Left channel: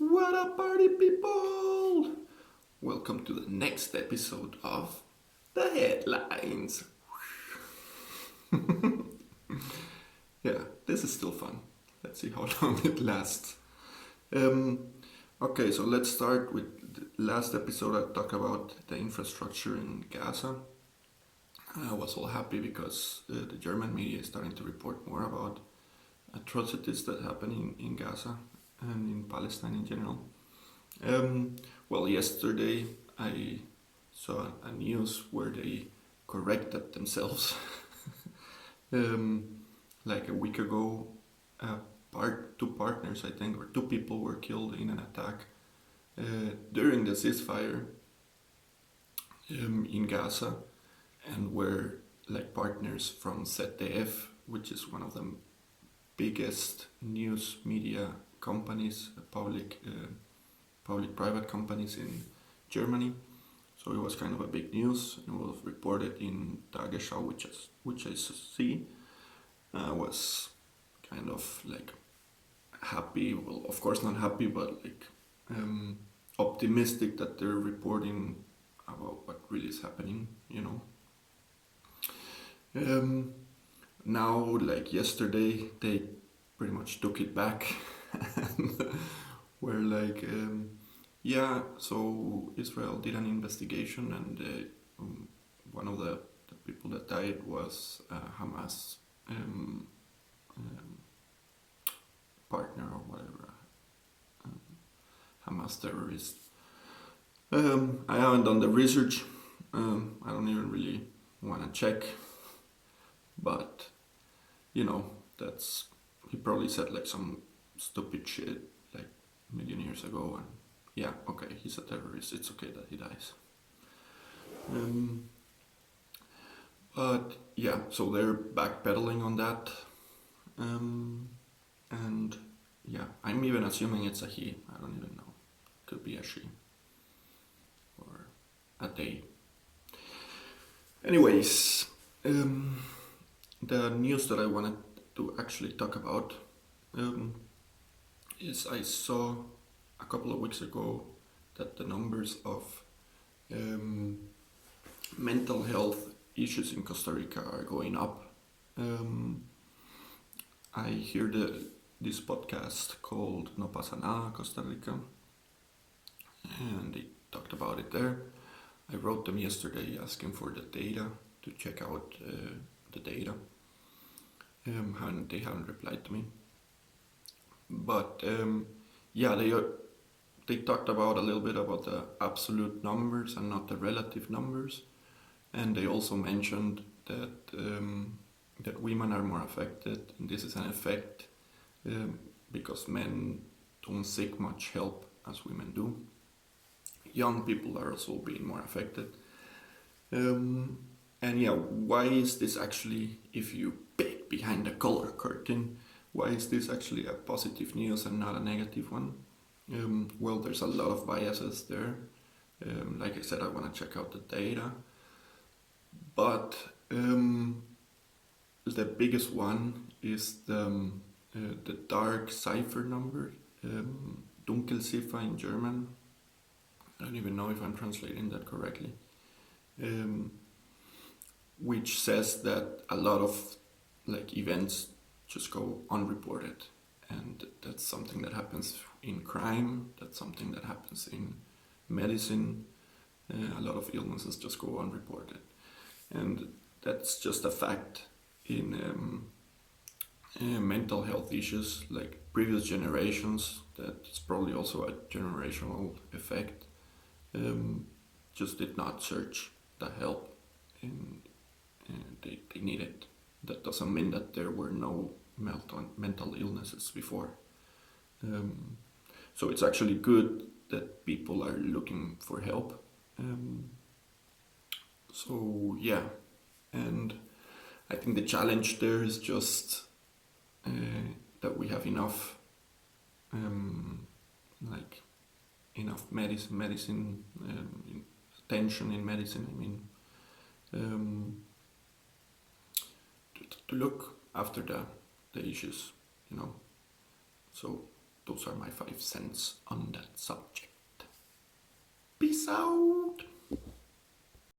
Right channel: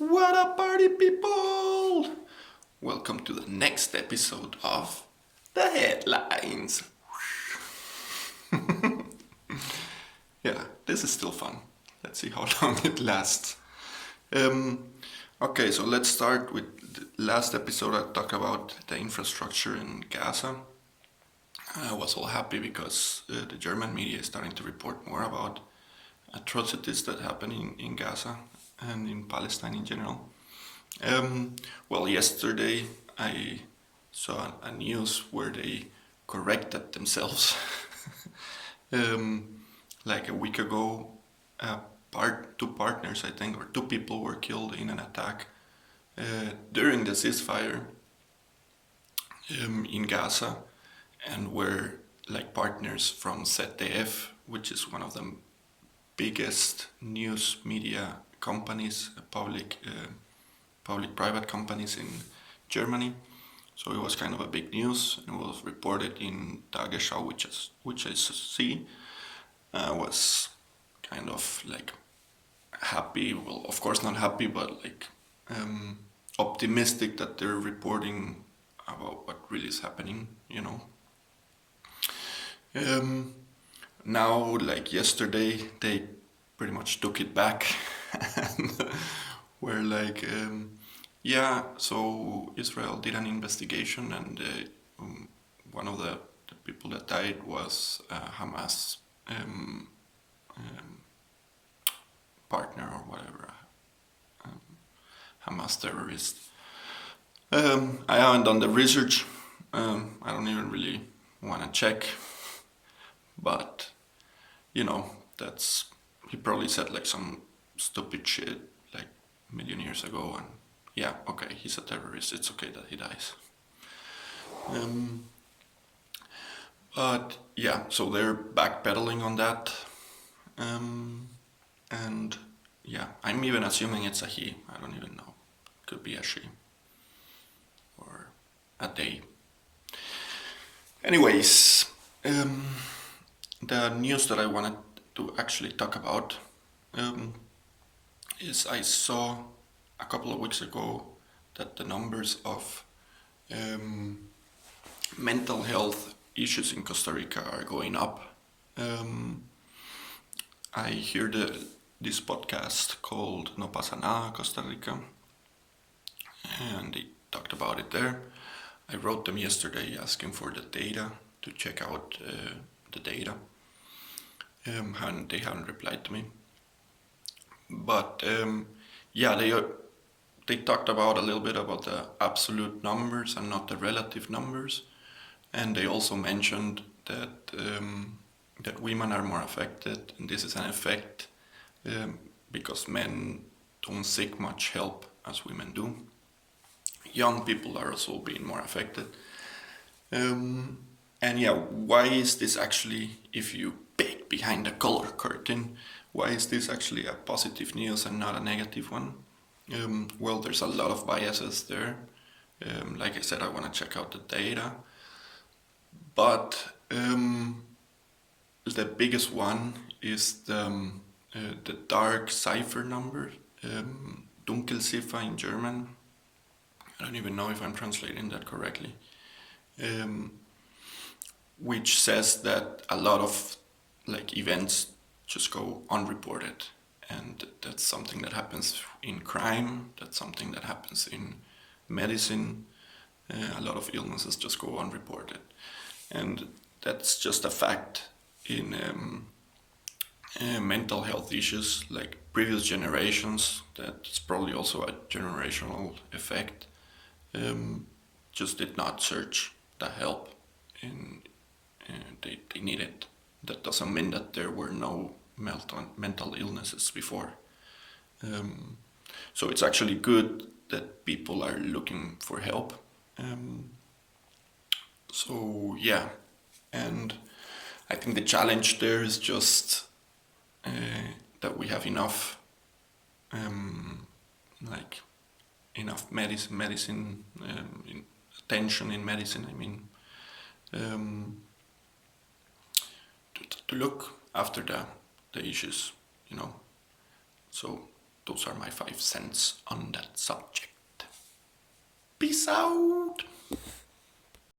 What up, party people? Welcome to the next episode of The Headlines. Yeah, this is still fun. Let's see how long it lasts. Okay, so let's start with the last episode. I talked about the infrastructure in Gaza. I was all happy because the German media is starting to report more about atrocities that happen in Gaza and in Palestine in general. Well, yesterday I saw a news where they corrected themselves. Like a week ago, two partners, I think, or two people were killed in an attack during the ceasefire in Gaza, and were like partners from ZDF, which is one of the biggest news media companies, public-private companies in Germany. So it was kind of a big news. It was reported in Tagesschau, which I see. Was kind of like happy. Well, of course not happy, but like optimistic that they're reporting about what really is happening. Now, like yesterday, they pretty much took it back and were like, yeah, so Israel did an investigation, and one of the people that died was Hamas partner or whatever, Hamas terrorist. I haven't done the research. I don't even really want to check, but that's, he probably said like some stupid shit like a million years ago, and yeah, okay, he's a terrorist. It's okay that he dies. But yeah, so they're backpedaling on that, and yeah, I'm even assuming it's a he. I don't even know. Could be a she or a they. Anyways, the news that I wanted to actually talk about is I saw a couple of weeks ago that the numbers of mental health issues in Costa Rica are going up. I hear this podcast called No Pasa Nada Costa Rica, and they talked about it there. I wrote them yesterday asking for the data to check out the data, and they haven't replied to me. But yeah, they talked about a little bit about the absolute numbers and not the relative numbers, and they also mentioned that women are more affected, and this is an effect because men don't seek much help as women do. Young people are also being more affected. And yeah, why is this actually, if you peek behind the color curtain, why is this actually a positive news and not a negative one? Well, there's a lot of biases there. Like I said, I want to check out the data. But the biggest one is the dark cipher number, Dunkelziffer in German. I don't even know if I'm translating that correctly. Which says that a lot of like events just go unreported, and that's something that happens in crime. That's something that happens in medicine. A lot of illnesses just go unreported, and that's just a fact in mental health issues. Like previous generations, that's probably also a generational effect. Just did not search the help they needed. That doesn't mean that there were no mental illnesses before. So it's actually good that people are looking for help. So yeah, and I think the challenge there is just that we have enough, enough medicine, attention in medicine. I mean, to look after the issues, So those are my 5 cents on that subject. Peace out!